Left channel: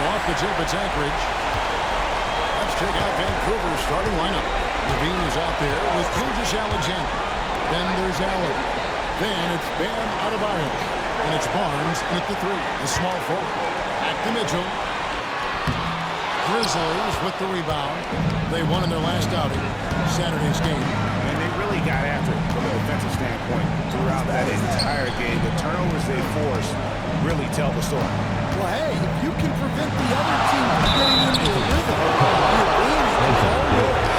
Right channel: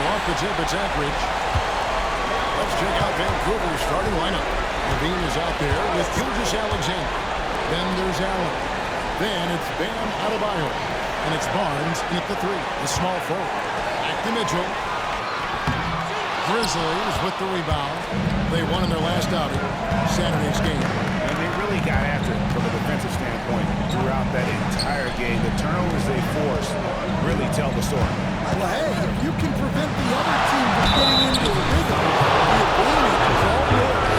So off the tip, it's Anchorage. Let's check out Vancouver's starting lineup. Levine is out there with Gilgeous Alexander. Then there's Allen. Then it's Bam Adebayo. And it's Barnes in at the 3, the small forward. Back to Mitchell. Grizzlies with the rebound. They won in their last outing, Saturday's game. And they really got after it from a defensive standpoint throughout that entire game. The turnovers they forced really tell the story. Well, hey, if you can prevent the other team from getting into a rhythm, the advantage is all yours.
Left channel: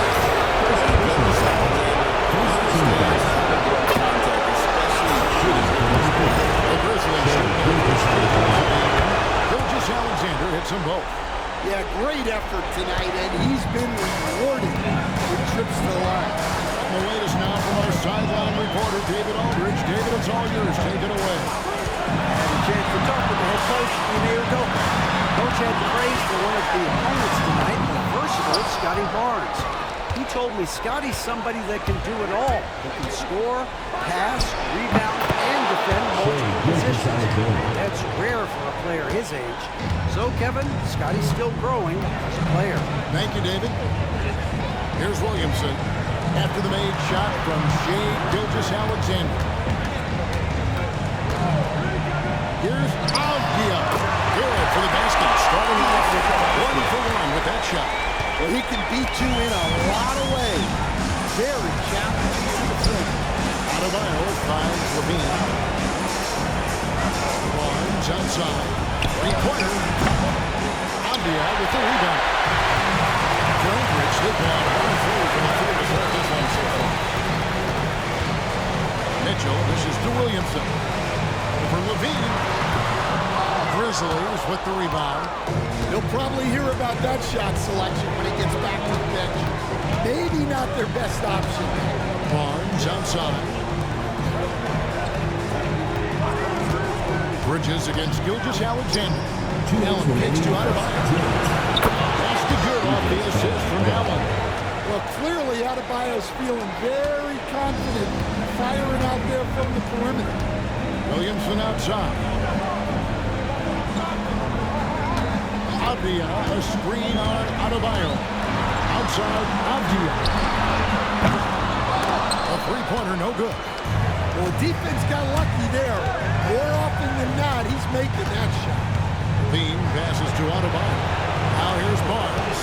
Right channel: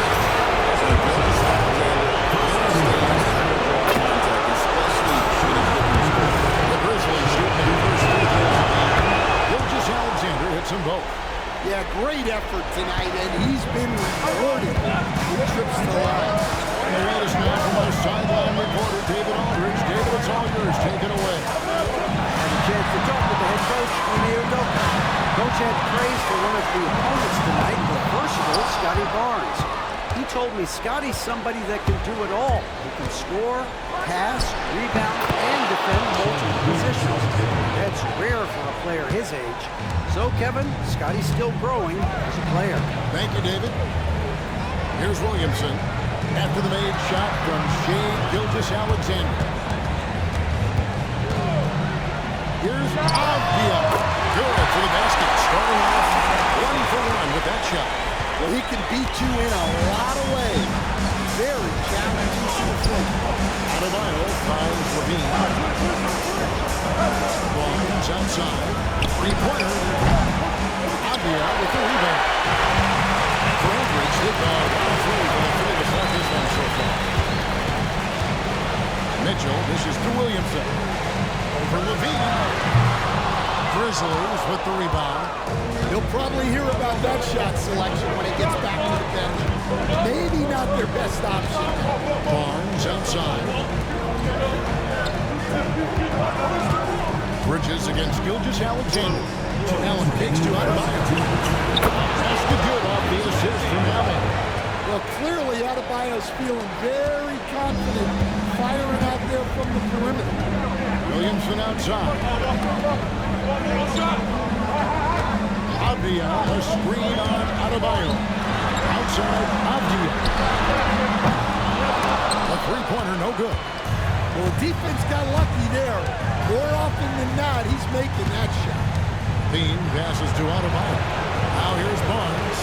Gilgeous Alexander understands how to draw contact, especially when he's looking to score. The Grizzlies shooting their first free throws of the evening. Gilgeous Alexander hits them both. Yeah, great effort tonight, and he's been rewarded with trips to the line. And the latest now from our sideline reporter, David Aldridge. David, it's all yours. Take it away. I had a chance to talk with the head coach, Ime Udoka. Coach had praise for one of the opponents tonight, the versatile Scotty Barnes. He told me Scotty's somebody that can do it all. He can score, pass, rebound, and defend multiple positions. That's rare for a player his age. So, Kevin, Scotty's still growing as a player. Thank you, David. Here's Williamson after the made shot from Shea Gilgeous-Alexander. Here's Avdia. Good for the basket. Starting off 1 for 1 with that shot. Well, he can beat you in a lot of ways. Very challenging to defend. Adebayo finds Levine. Barnes outside. Three-pointer. Avdia with the rebound. For Anchorage, they've gone 1-3 from the field to start this one so far. Mitchell, this is to Williamson. Over Levine. Grizzlies with the rebound. He'll probably hear about that shot selection when he gets back to the bench. Maybe not their best option. Barnes outside. Bridges against Gilgeous-Alexander. Allen kicks to Adebayo. Basket good off the assist from Allen. Well, clearly Adebayo's feeling very confident firing out there from the perimeter. Williamson outside. Avdia, a screen on Adebayo. Outside, Avdia. A three-pointer, no good. Well, the defense got lucky there. More often than not, he's making that shot. Levine passes to Adebayo. Now here's Barnes.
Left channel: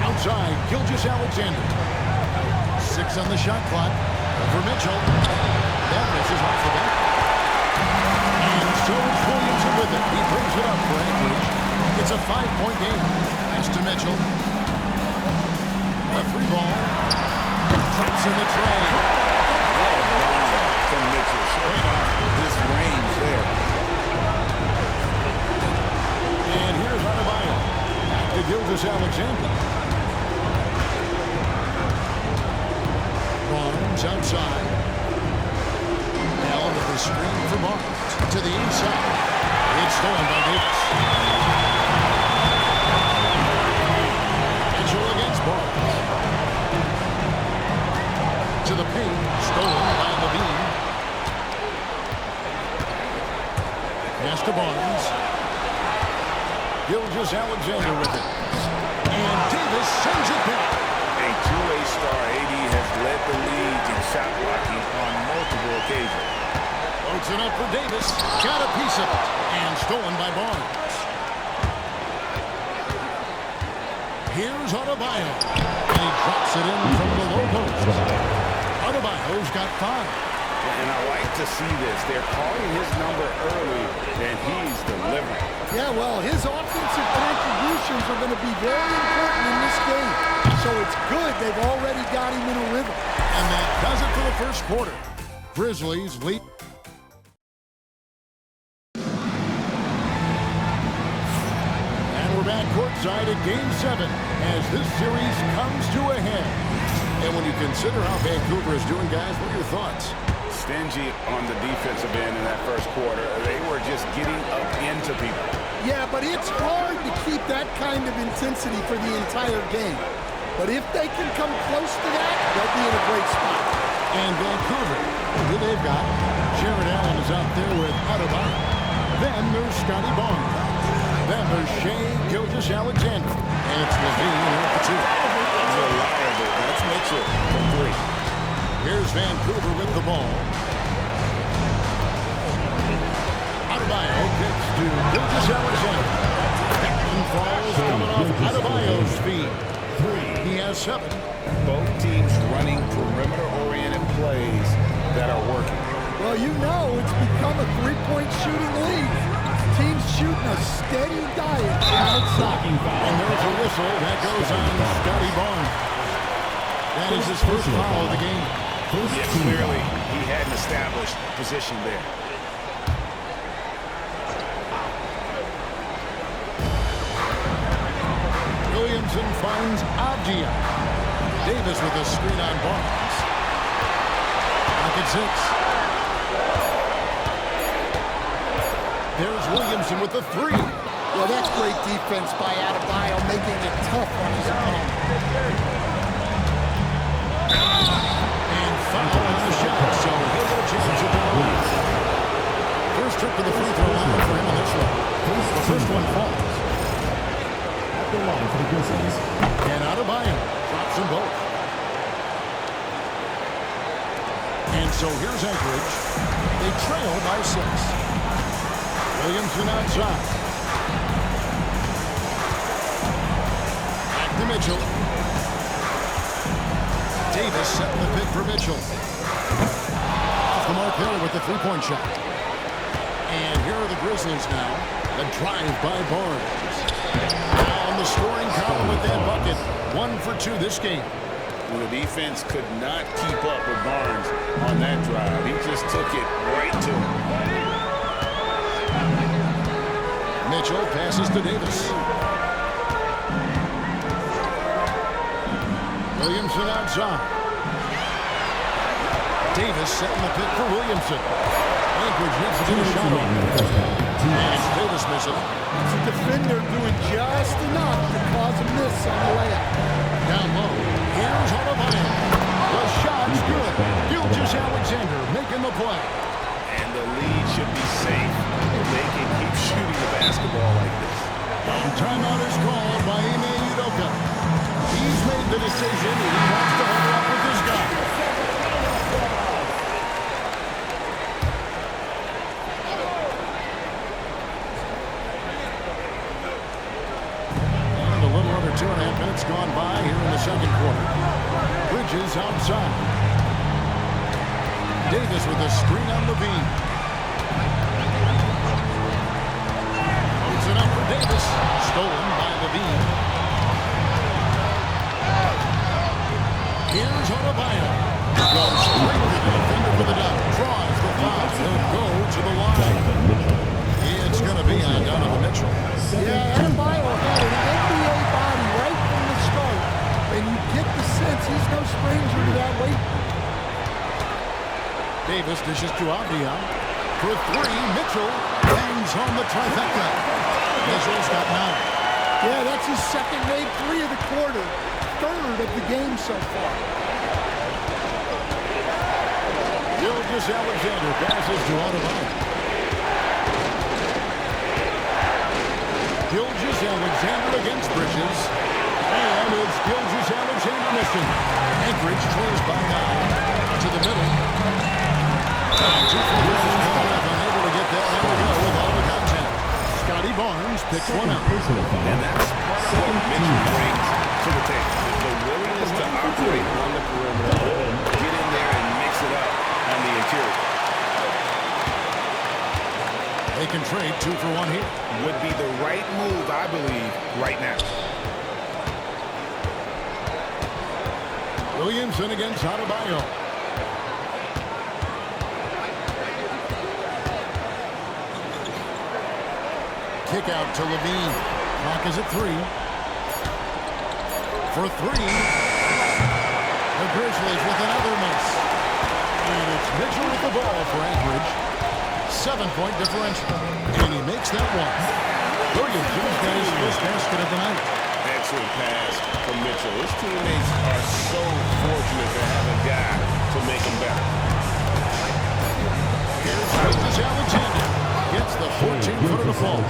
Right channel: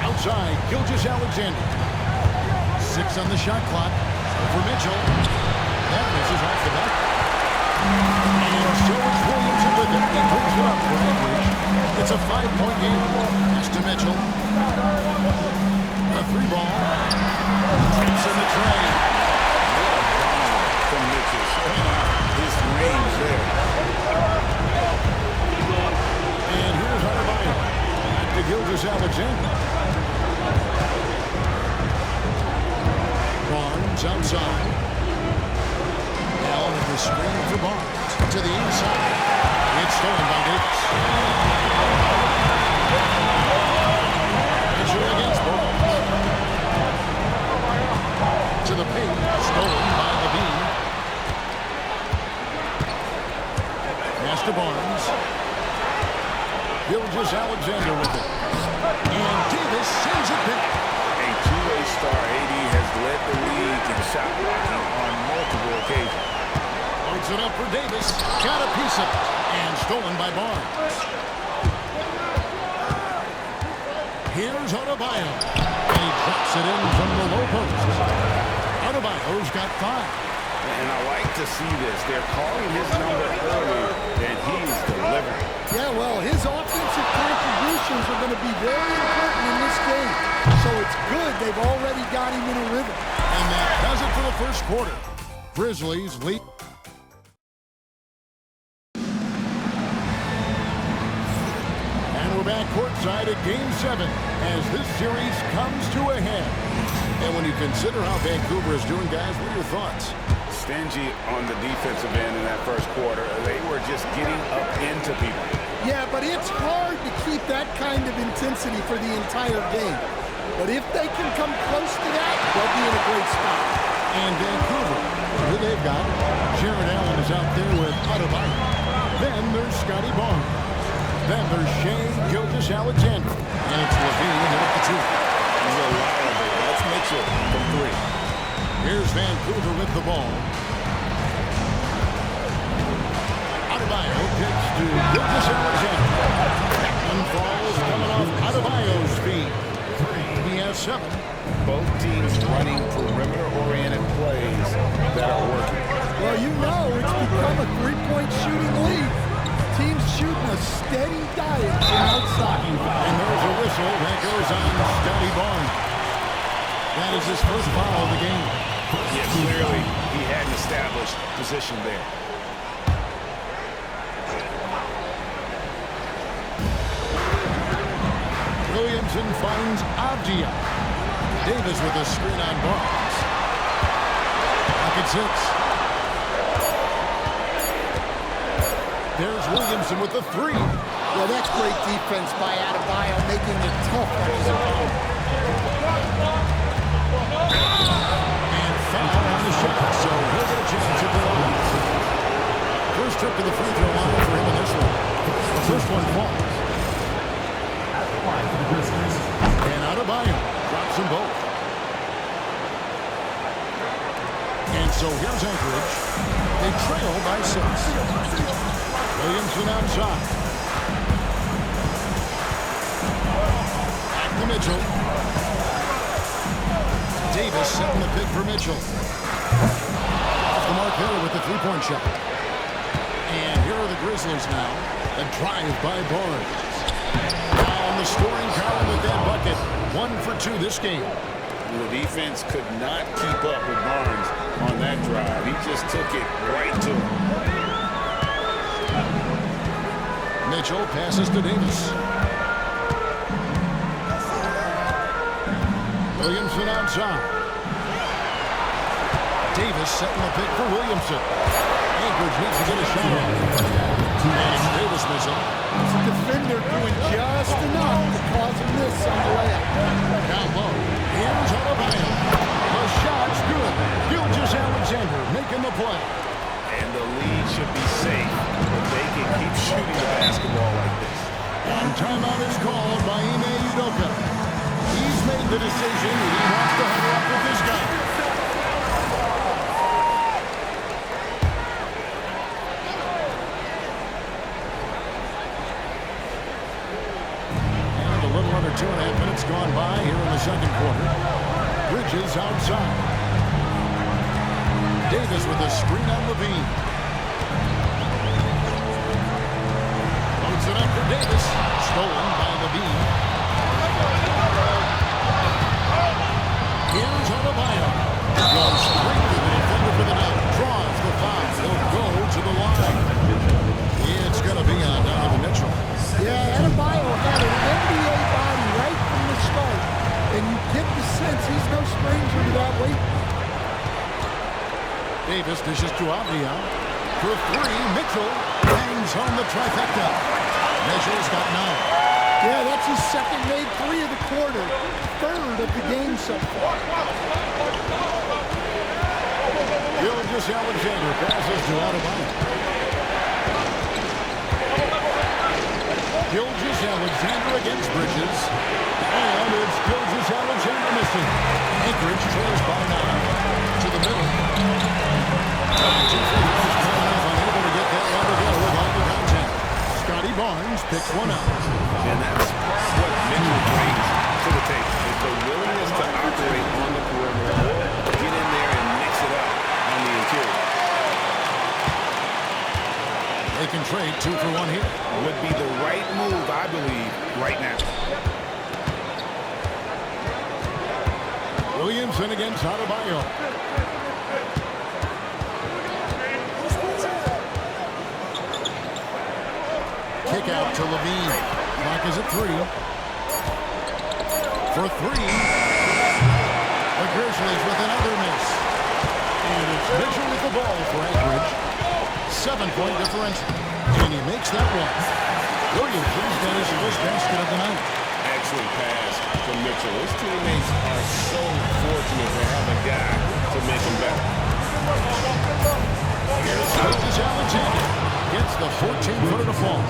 Outside, Gilgeous-Alexander. 6 on the shot clock. Over Mitchell. That misses off the back. And so it's Williamson with it. He brings it up for Anchorage. It's a 5-point game. Pass to Mitchell. A 3-ball. Traps in the tray. What a bomb from Mitchell, showing off his range there. And here's Adebayo. Back to Gilgeous-Alexander. Barnes outside. Allen at the screen for Barnes. To the inside. It's stolen by Davis. Mitchell against Barnes. To the paint. Stolen by Levine. Pass to Barnes. Gilgeous-Alexander with it. And Davis sends it back. A two-way star, AD has led the league in shot blocking on multiple occasions. Loads it up for Davis. Got a piece of it. And stolen by Barnes. Here's Adebayo. And he drops it in from the low post. Adebayo's got 5. And I like to see this. They're calling his number early, and he's delivering. Yeah, well, his offensive contributions are going to be very important in this game. So it's good they've already got him in a rhythm. And that does it for the first quarter. Grizzlies lead. And we're back courtside at Game 7 as this series comes to a head. And when you consider how Vancouver is doing, guys, what are your thoughts? Stingy on the defensive end in that first quarter. They were just getting up into people. Yeah, but it's hard to keep that kind of intensity for the entire game. But if they can come close to that, they'll be in a great spot. And Vancouver, who they've got, Jared Allen is out there with Adebayo. Then there's Scotty Barnes. Then there's Shea Gilgeous-Alexander. And it's Levine here at the 2. Reliable. That's Mitchell from 3. Here's Vancouver with the ball. Adebayo kicks to Gilgeous-Alexander. That one falls coming off Adebayo's feet. He has 7. Both teams running perimeter-oriented plays that are working. Well, you know it's become a three-point shooting league. Teams shooting a steady diet from outside. And there's a whistle that goes on Scotty Barnes. That is his first foul of the game. Yeah, clearly he hadn't established position there. Williamson finds Avdia. Davis with a screen on Barnes. Pocket 6. There's Williamson with the 3. Well, that's great defense by Adebayo, making it tough on his opponent. And foul on the shot, so he'll get a chance at the line. First trip to the free throw line for him in this one. The first one falls. At the line for the Grizzlies. And Adebayo drops them both. And so here's Anchorage. They trail by 6. Williamson outside. Back to Mitchell. Davis setting the pick for Mitchell. Off the mark there with the three-point shot. And here are the Grizzlies now. A drive by Barnes. Now on the scoring column with that bucket. 1 for 2 this game. The defense could not keep up with Barnes on that drive. He just took it right to him. Mitchell passes to Davis. Williamson outside. Davis setting the pick for Williamson. Anchorage needs to get a shot on. And it's Davis missing. It's a defender doing just enough to cause a miss on the layup. Down low. Here's Adebayo. The shot's good. Gilgeous-Alexander making the play. And the lead should be safe if they can keep shooting the basketball like this. And timeout is called by Ime Udoka. He's made the decision. He wants to huddle up with his guy. And a little under 2.5 minutes gone by here in the second quarter. Bridges outside. Davis with a screen on Levine. Loads it up for Davis. Stolen by Levine. Here's Adebayo. Goes straight to the defender for the dunk. Draws the foul. He'll go to the line. It's going to be on Donovan Mitchell. Yeah, Adebayo had an NBA body right from the start. And you get the sense he's no stranger to that weight. Davis dishes to Avdia. For 3, Mitchell bangs home the trifecta. Mitchell's got 9. Yeah, that's his second made 3 of the quarter. Third of the game so far. Gilgeous-Alexander passes to Adebayo. Gilgeous-Alexander against Bridges. And it's Gilgeous-Alexander missing. Anchorage trails by 9 to the middle. And 2 free throws coming up, unable to get that one to go with all the contact. Scotty Barnes picks one out. And that's part of what Mitchell brings to the table. The willingness to operate on the perimeter or get in there and mix it up on the interior. They can trade 2 for 1 here. Would be the right move, I believe, right now. Williamson against Adebayo. Kick out to Levine. Clock is at 3. For 3. The Grizzlies with another miss. And it's Mitchell with the ball for Anchorage. 7-point differential. And he makes that one. Williamson's got his first basket of the night. Excellent pass from Mitchell. His teammates are so fortunate to have a guy to make them better. Here's Gilgeous-Alexander. gets the 14-footer to fall.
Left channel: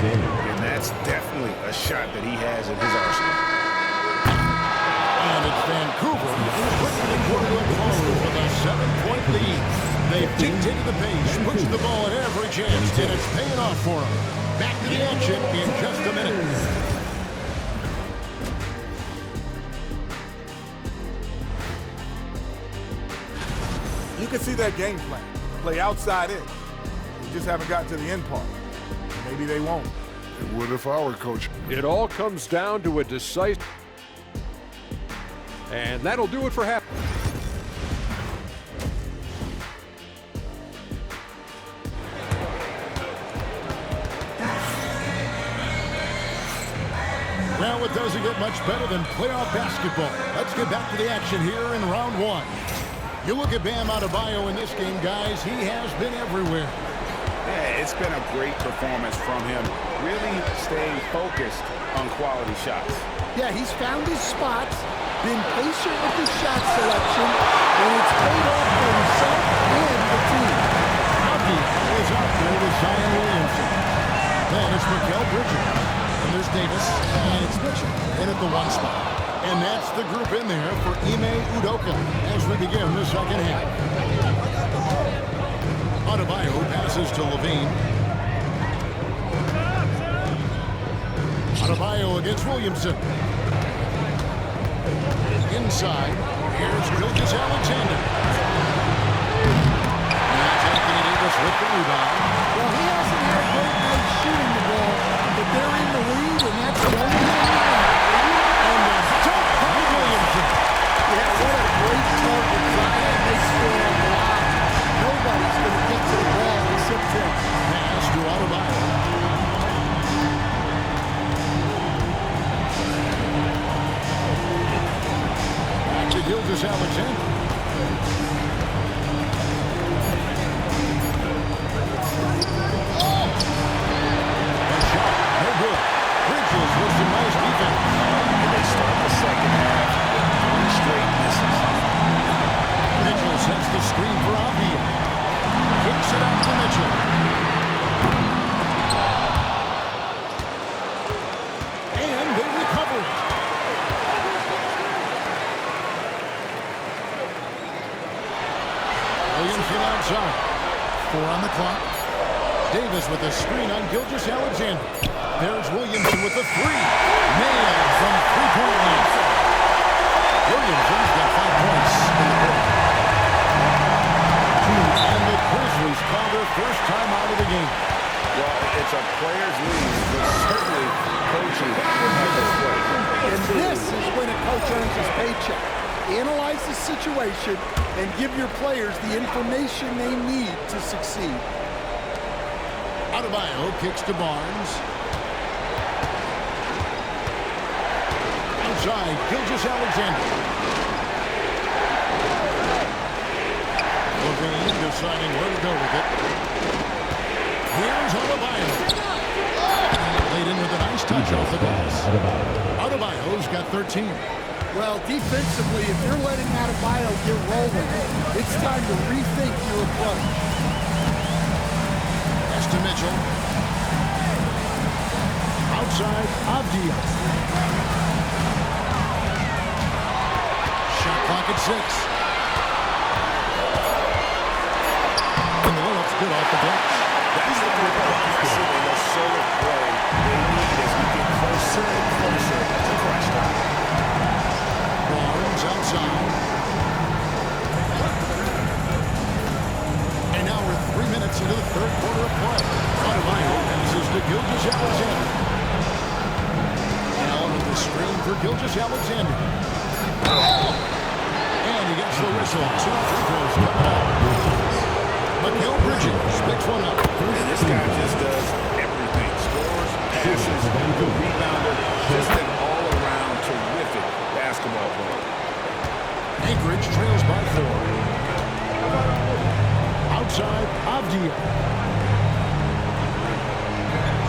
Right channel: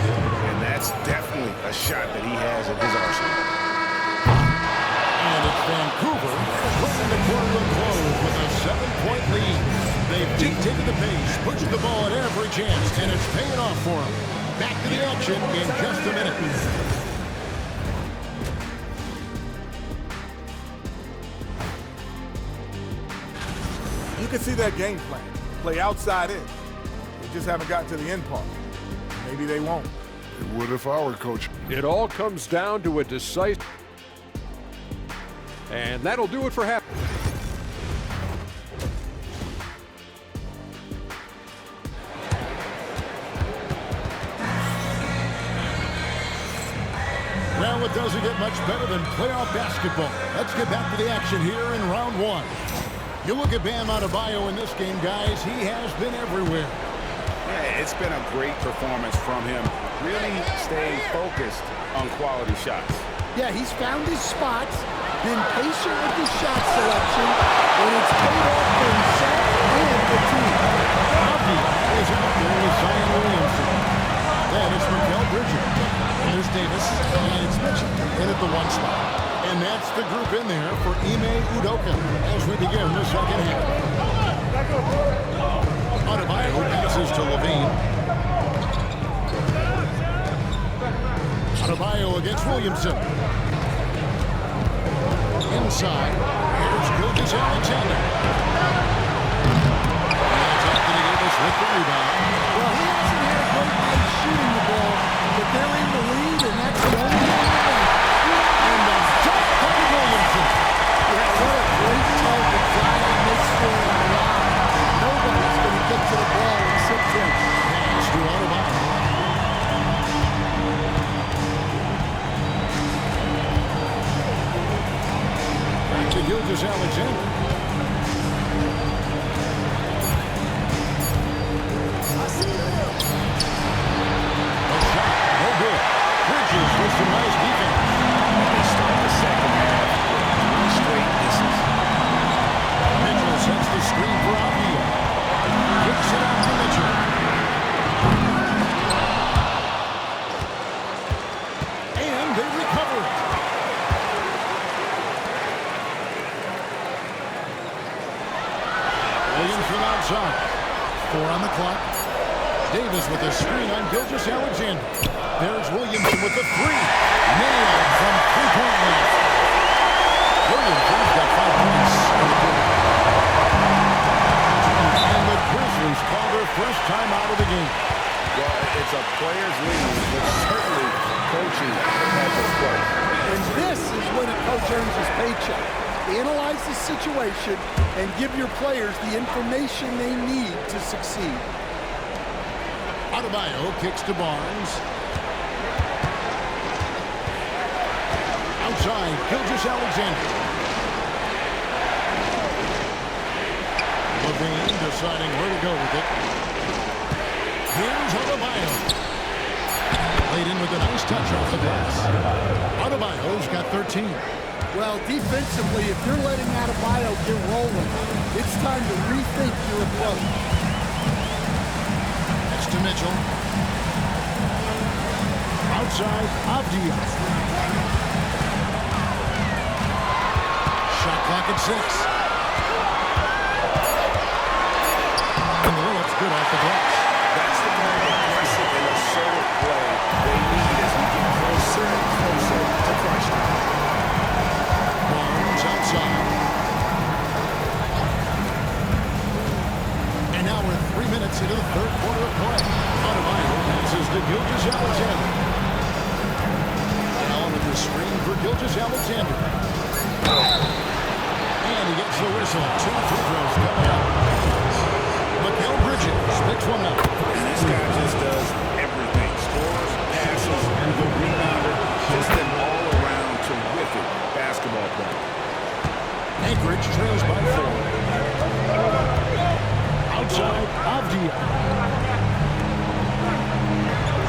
And that's definitely a shot that he has in his arsenal. And it's Vancouver bringing the quarter to a close with a 7-point lead. They've dictated the pace, pushed the ball at every chance, and it's paying off for them. Back to the action in just a minute. You can see that game plan. Play outside in. They just haven't gotten to the end part. Maybe they won't. It would if I were coach. It all comes down to a decisive... And that'll do it for half. Well, it doesn't get much better than playoff basketball. Let's get back to the action here in round one. You look at Bam Adebayo in this game, guys. He has been everywhere. Yeah, it's been a great performance from him. Really staying focused on quality shots. Yeah, he's found his spots, been patient with his shot selection, and it's paid off for himself and the team. Avdia is out there with Zion Williamson. Then it's Mikal Bridges. And there's Davis, and it's Mitchell in at the 1 spot. And that's the group in there for Ime Udoka as we begin the second half. Adebayo passes to Levine. Adebayo against Williamson. Inside, here's Gilgeous-Alexander. And that's Anthony Davis with the rebound. Well, he hasn't had a great night shooting the ball, but they're in the lead, and that's the only thing that matters. And the jump by Williamson. Yeah, what a great target Zion makes for him live. Nobody's going to get to the ball except him. Pass to Adebayo. Back to Gilgeous-Alexander. The shot, no good. Bridges with some nice defense. And they start the second half with 3 straight misses. Mitchell sets the screen for Avdia. Kicks it out to Mitchell. And they recover it. Williamson outside. 4 on the clock. Davis with a screen on Gilgeous-Alexander. There's Williamson with the 3. Nailed from 3-point land. Williamson's got 5 points in the quarter. And the Grizzlies call their first time out of the game. Well, it's a player's league, but certainly coaching has its place. And this is when a coach earns his paycheck. Analyze the situation and give your players the information they need to succeed. Adebayo kicks to Barnes. Outside, Gilgeous-Alexander. Levine deciding where to go with it. Here's Adebayo. Laid in with a nice touch off the glass. Adebayo's got 13. Well, defensively, if you're letting Adebayo get rolling, it's time to rethink your approach. Pass to Mitchell. Outside, Avdia. Shot clock at 6. And the layup's good off the glass. That's the kind of aggressive and assertive play they need as we get closer and closer to crunch time. Barnes outside. And now we're 3 minutes into the third quarter of play. Adebayo passes to Gilgeous-Alexander. Allen with the screen for Gilgeous-Alexander. And he gets the whistle. 2 free throws coming up. Mikal Bridges picks one up. And this guy just does everything. Scores, passes, the rebounder. Just an all-around terrific basketball player. Anchorage trails by 4. Outside, Avdia.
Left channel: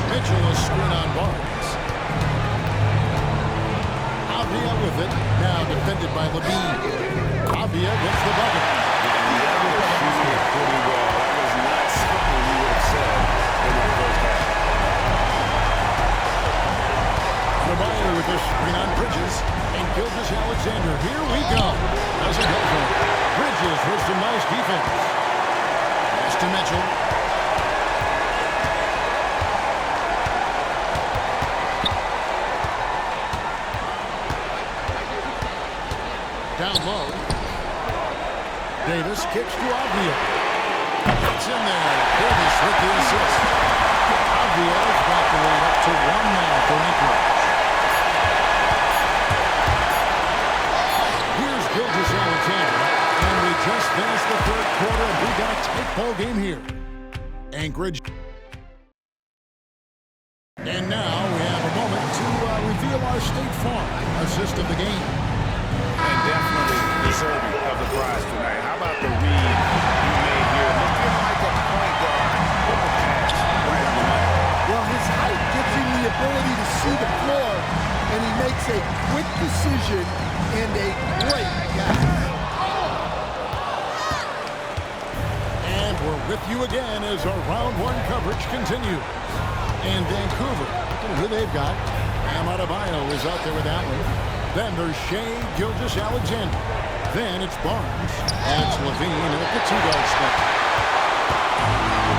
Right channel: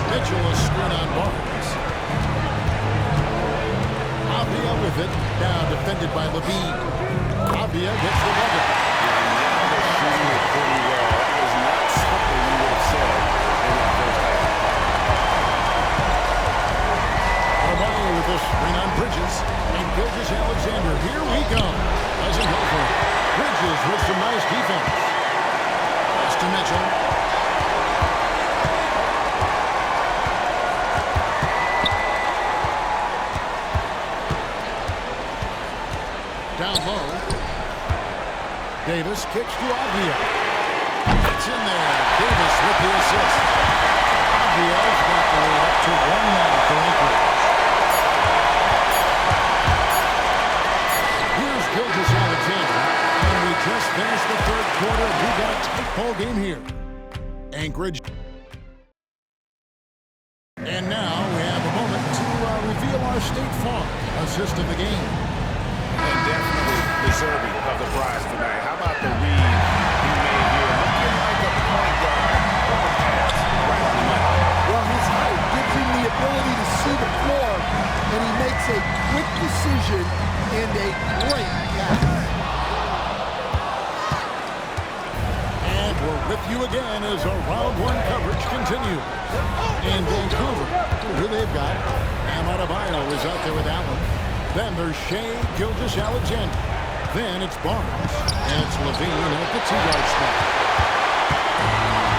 Mitchell a screen on Barnes. Avdia with it. Now defended by Levine. Avdia gets the bucket. And now they're shooting it pretty well. That was not something you would have said in that first half. Adebayo with this screen on Bridges. And Gilgeous-Alexander. Here we go. Doesn't go for it. Bridges with some nice defense. Pass to Mitchell. Down low. Davis kicks to Avdia. It's in there. Davis with the assist. Avdia's got the lead up to 1 now for Anchorage. Here's Gilgeous-Alexander. And we just finished the third quarter. We got a tight ball game here. Anchorage. And now we have a moment to reveal our State Farm assist of the game. And definitely deserving of the prize tonight. How about the read he made here? Looking like a point guard, but the pass right on the money. Well, his height gives him the ability to see the floor, and he makes a quick decision and a great pass. And we're with you again as our round one coverage continues. And Vancouver, who they've got, Bam Adebayo is out there with Allen. Then there's Shea Gilgeous-Alexander. Then it's Barnes, and it's Levine at the two-guard spot.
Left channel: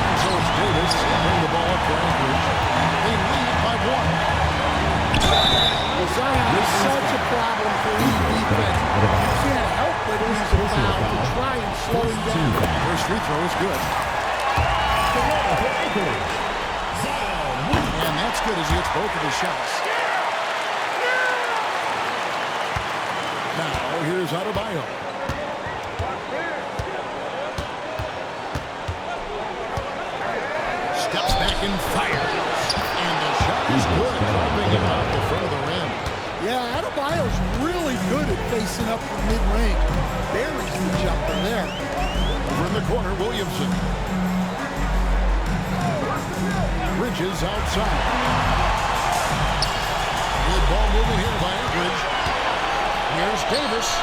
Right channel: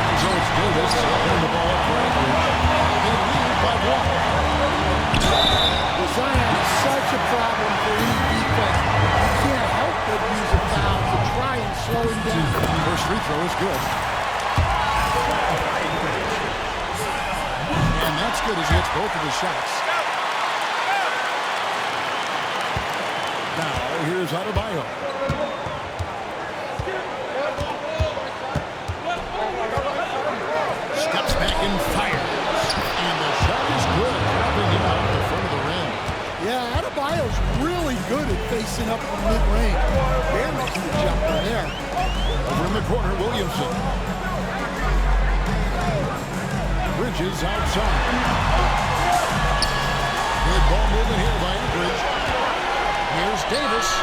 And so it's Davis putting the ball up for Anchorage. They lead by 1. Well, Zion is such a problem for any defense. You can't help but use a foul to try and slow him down. First free throw is good. And that's good as he hits both of his shots. Now, here's Adebayo. Steps back and fires. And the shot is good, dropping in off the front of the rim. Yeah, Adebayo's really good at facing up from mid-range. Buries the jumper there. Over in the corner, Williamson. Bridges outside. Good ball movement here by Anchorage. Here's Davis.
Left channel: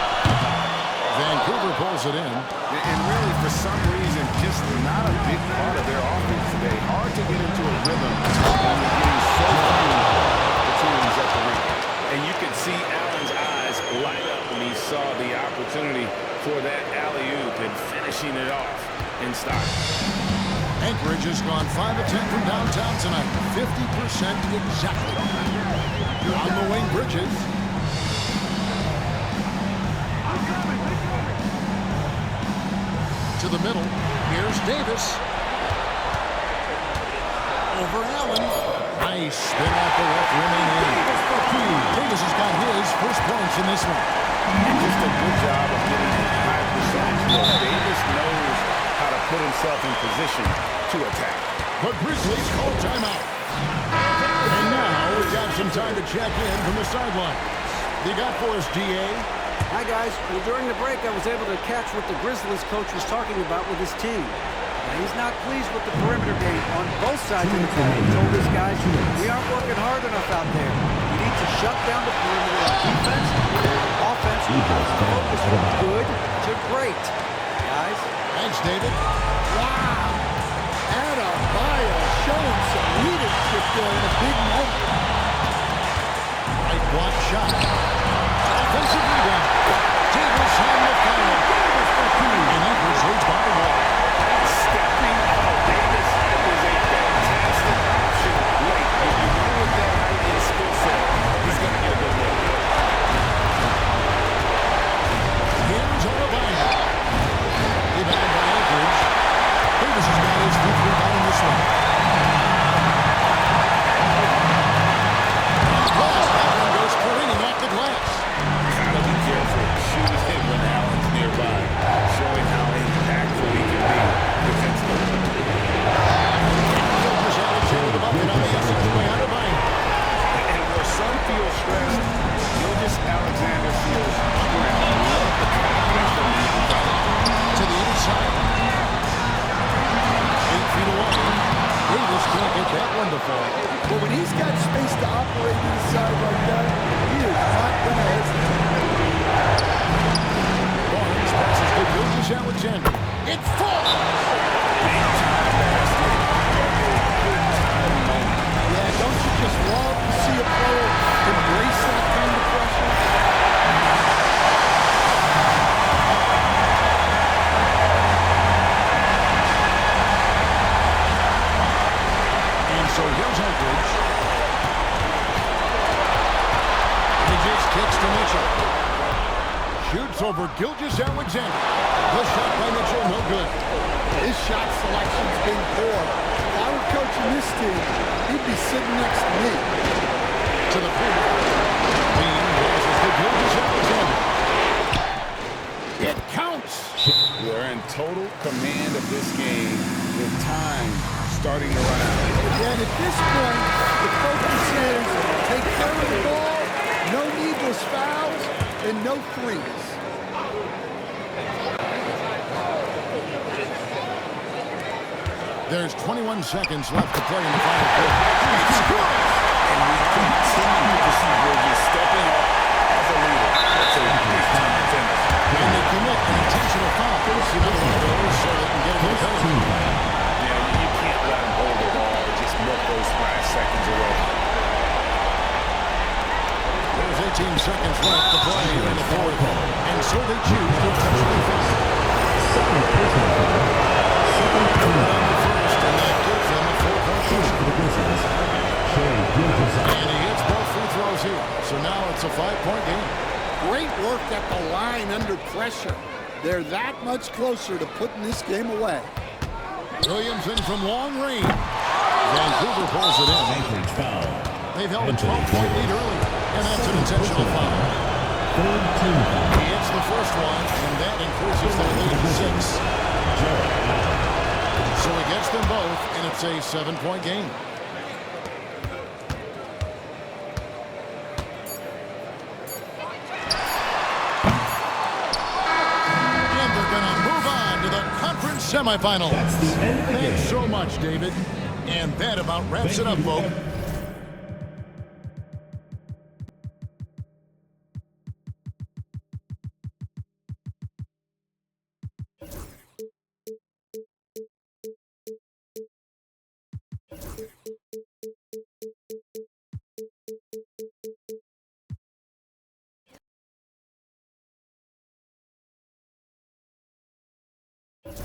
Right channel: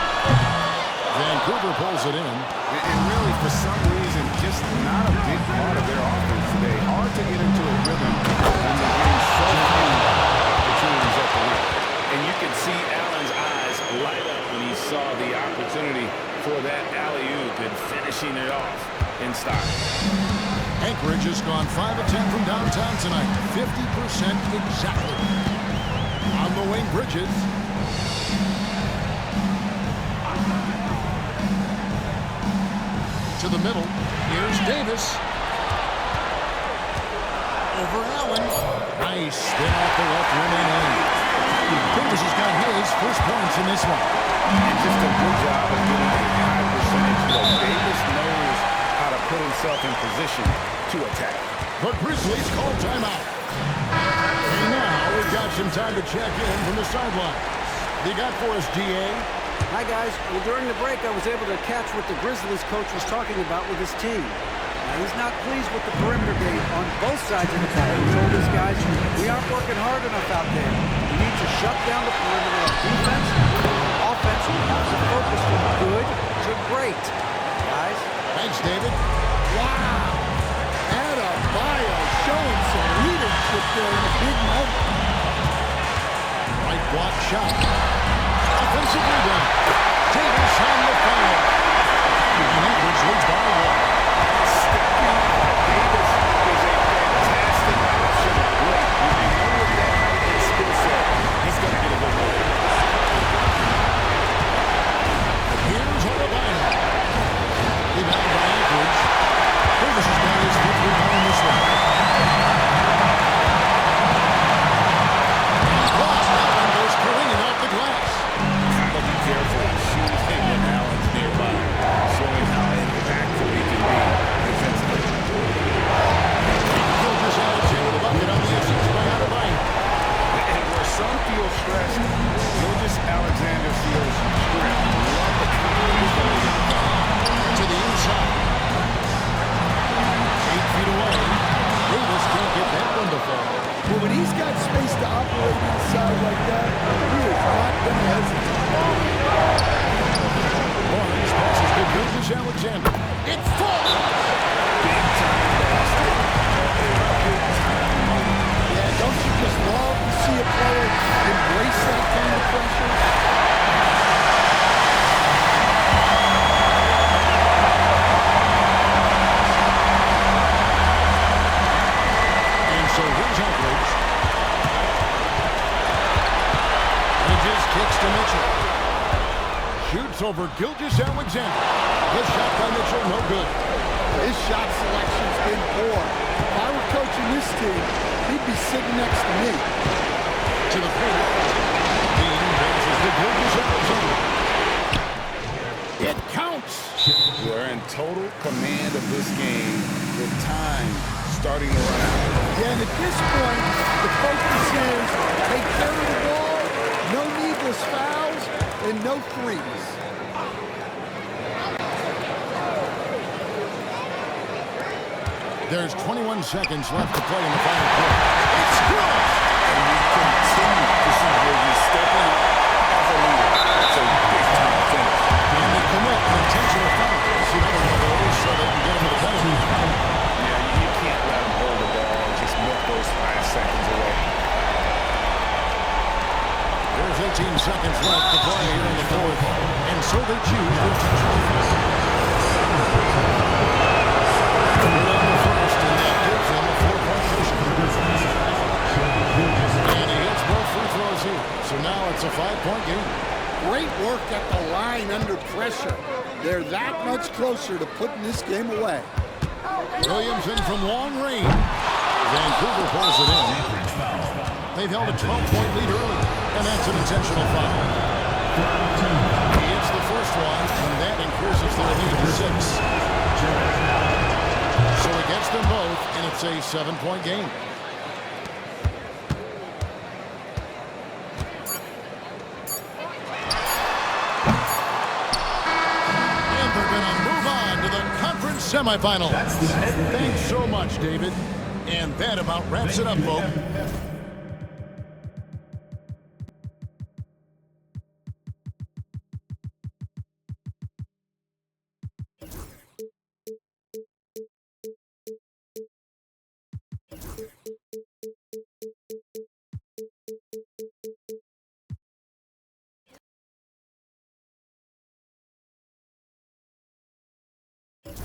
Vancouver pulls it in. And really, for some reason, just not a big part of their offense today. Hard to get into a rhythm when you're getting so few opportunities at the rim. And you could see Allen's eyes light up when he saw the opportunity for that alley-oop and finishing it off in style. Anchorage has gone 5 of 10 from downtown tonight. 50% exactly. On the wing, Bridges. To the middle. Here's Davis. Over Allen. Nice spin off the left rim and in. Davis has got his first points in this one. And just a good job of getting a high percentage look. Davis knows how to put himself in position to attack. The Grizzlies call timeout. And now we've got some time to check in from the sidelines. They got for us, DA. Hi, guys. Well, during the break, I was able to catch what the Grizzlies coach was talking about with his team. Now, he's not pleased with the perimeter game on both sides of the ball. He told his guys, we aren't working hard enough out there. We need to shut down the perimeter on defense. On offense, we have to focus from good to great. Guys? Thanks, David. Wow. Adebayo showing some leadership there in a big moment. Right block shot. Offensive rebound. Davis on the foul. And Anchorage leads by 1. Stepping up. Davis is a fantastic option late. You know with that height and skill set, he's going to get a good look. Here's Adebayo. Rebound by Anchorage. Davis has got his 5th rebound in this one. And lost. That one goes careening off the glass. Gotta be careful shooting it when Allen's nearby, showing how impactful he can be defensively. Gilgeous-Alexander the bucket on the assist by Adebayo. And where some feel stressed, Gilgeous-Alexander feels strength. I love the confidence from the young fella. To the inside. 8 feet away. Davis can't get that one to fall. But when he's got space to operate inside like that, he is not going to hesitate. Barnes passes to Gilgeous-Alexander. It falls! Big time basket at a big Don't you just love to see a player embrace that kind of pressure? And so here's Anchorage. Bridges kicks to Mitchell. Shoots over Gilgeous-Alexander. The shot by Mitchell, no good. His shot selection's been poor. If I were coaching this team, he'd be sitting next to me. To the paint. Bean passes to Gilgeous-Alexander. It counts. They're in total command of this game with time starting to run out. Yeah, and at this point, the focus is take care of the ball, no needless fouls, and no threes. There's 21 seconds left to play in the final quarter. It's good! And we continue to see Bridges stepping up as a leader. It's a big-time finish. And they commit an intentional foul. See another one of those so they can get into the penalty. Yeah, you can't let them hold the ball and just milk those last seconds away. There's 18 seconds left to play here in the fourth. And so they choose to intentionally foul. Good on the first, and that gives them a 4-point cushion. And he hits both free throws here. So now it's a 5-point game. Great work at the line under pressure. They're that much closer to putting this game away. Williamson from long range. Vancouver pulls it in. They've held a 12-point lead early, and that's an intentional foul. He hits the first one, and that increases their lead to 6. So he gets them both, and it's a 7-point game. And they're going to move on to the conference semifinals. Thanks so much, David. And that about wraps it up, folks.